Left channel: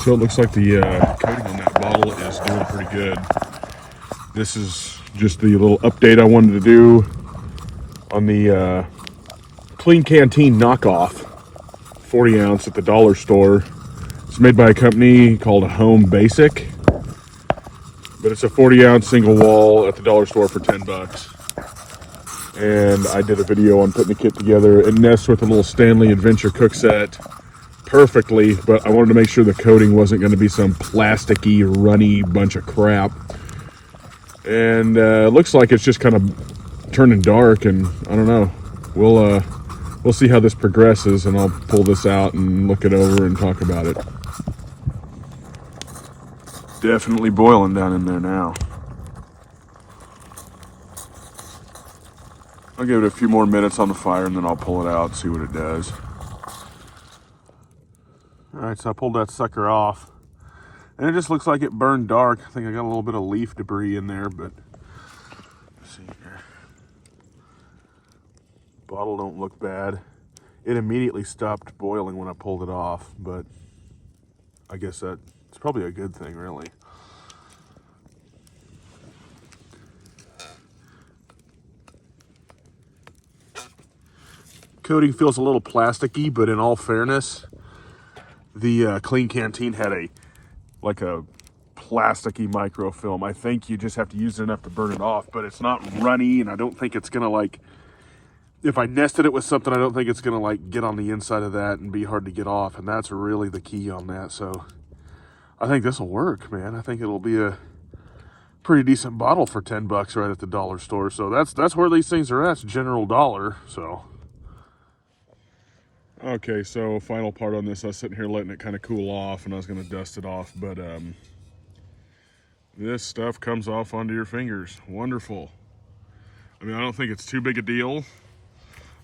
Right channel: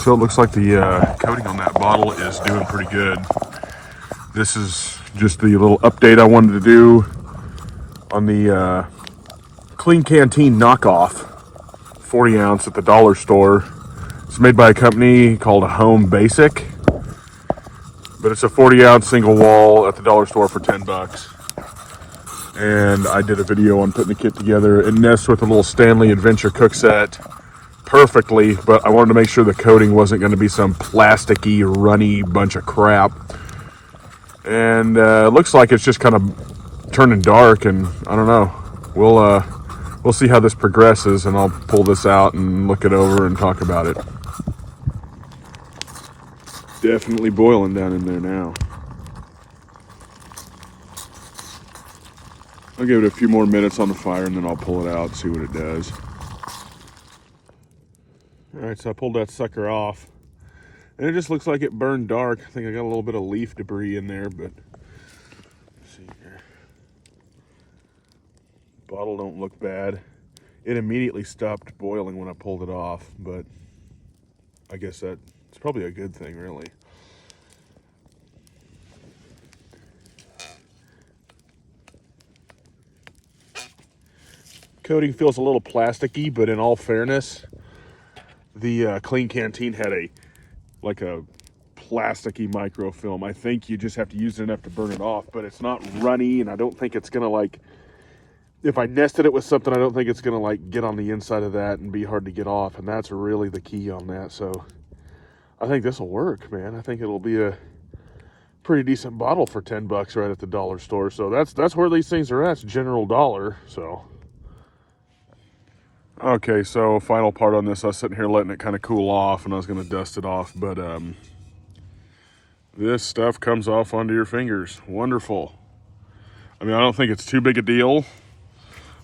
So it looks like the coating on that bottle is doing pretty good. This is just the little update I wanted to do on the Klean Kanteen knockoff, 40 ounce at the dollar store. It's made by a company called Home Basic, but it's a 40 ounce single wall at the dollar store for 10 bucks. And I did a video on putting the kit together. It nests with a little Stanley Adventure cook set perfectly, but I wanted to make sure the coating wasn't going to be some plasticky, runny bunch of crap. And it looks like it's just kind of turning dark, and I don't know. We'll see how this progresses, and I'll pull this out and look it over and talk about it. Definitely boiling down in there now. I'll give it a few more minutes on the fire, and then I'll pull it out and see what it does. All right, so I pulled that sucker off, and it just looks like it burned dark. I think I got a little bit of leaf debris in there, but let's see here. Bottle don't look bad. It immediately stopped boiling when I pulled it off, but I guess that's probably a good thing, really. Coating feels a little plasticky, but in all fairness, the Klean Kanteen had a plasticky microfilm. I think you just have to use it enough to burn it off, but it's not runny, and I don't think it's gonna if I nested it with something, I don't think it's gonna get on the inside of that and be hard to get off, and that's really the key on that. So I think this will work, man. I think it'll be a pretty decent bottle for 10 bucks right at the dollar store. So that's where these things are at. It's general dollar. So okay, so final part on this. I was sitting here letting it kind of cool off, and I was going to dust it off, but this stuff comes off onto your fingers. Wonderful. I mean, I don't think it's too big a deal.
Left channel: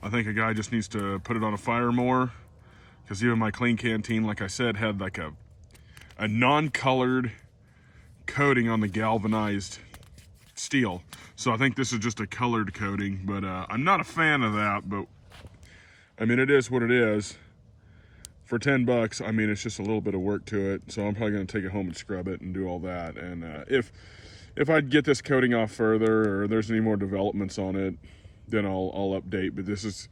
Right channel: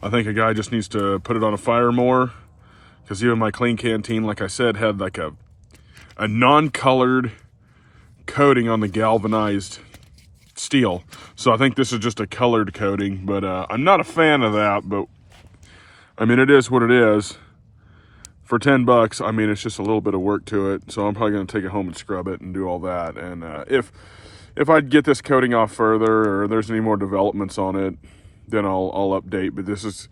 I think a guy just needs to put it on a fire more, because even my Klean Kanteen, like I said, had a non-colored coating on the galvanized steel. So I think this is just a colored coating, but I'm not a fan of that, but I mean, it is what it is. For 10 bucks, I mean, it's just a little bit of work to it. So I'm probably gonna take it home and scrub it and do all that. And if I get this coating off further, or there's any more developments on it, then I'll update. But this is,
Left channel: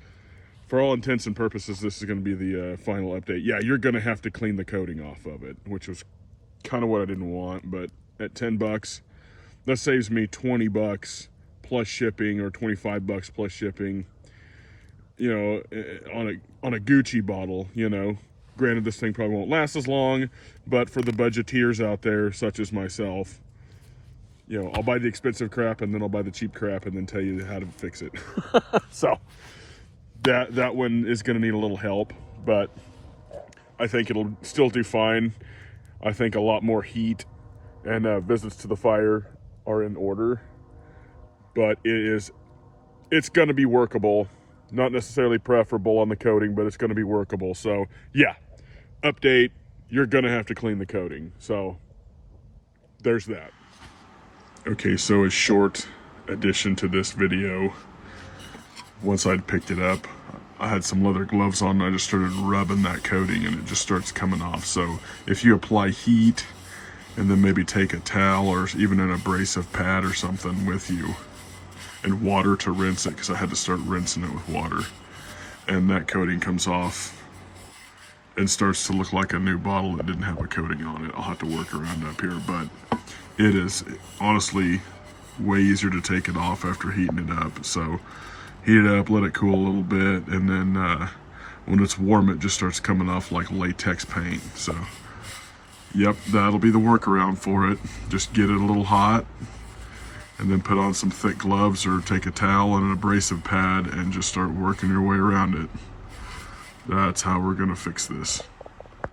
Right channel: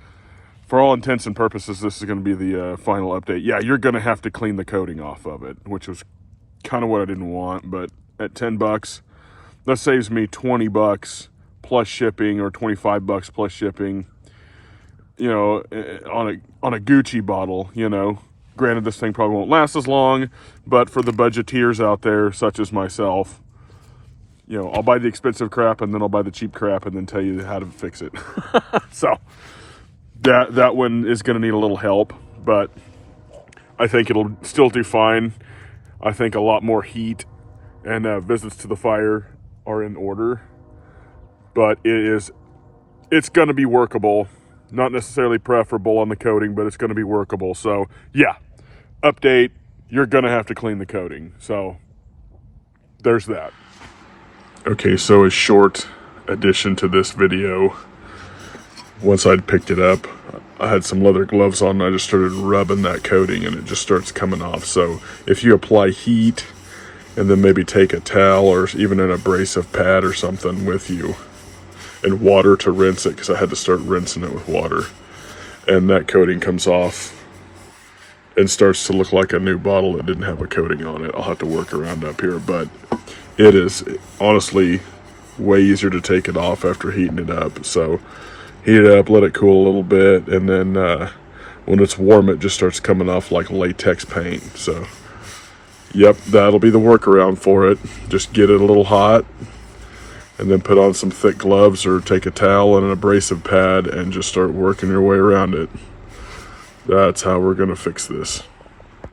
for all intents and purposes, this is gonna be the final update. Yeah, you're gonna have to clean the coating off of it, which was kind of what I didn't want. But at 10 bucks, that saves me 20 bucks plus shipping, or 25 bucks plus shipping. You know, on a Gucci bottle, you know. Granted, this thing probably won't last as long, but for the budgeteers out there, such as myself, you know, I'll buy the expensive crap, and then I'll buy the cheap crap, and then tell you how to fix it. So that one is going to need a little help, but I think it'll still do fine. I think a lot more heat and visits to the fire are in order, but it's going to be workable. Not necessarily preferable on the coating, but it's going to be workable. So yeah, update, you're going to have to clean the coating. So there's that. Okay, so a short addition to this video. Once I'd picked it up, I had some leather gloves on, and I just started rubbing that coating, and it just starts coming off. So if you apply heat, and then maybe take a towel or even an abrasive pad or something with you, and water to rinse it, because I had to start rinsing it with water, and that coating comes off and starts to look like a new bottle that didn't have a coating on it. I'll have to work around up here, but it is honestly way easier to take it off after heating it up. So heat it up, let it cool a little bit, and then when it's warm, it just starts coming off like latex paint. So yep, that'll be the workaround for it. Just get it a little hot, and then put on some thick gloves, or take a towel and an abrasive pad, and just start working your way around it. That's how we're gonna fix this.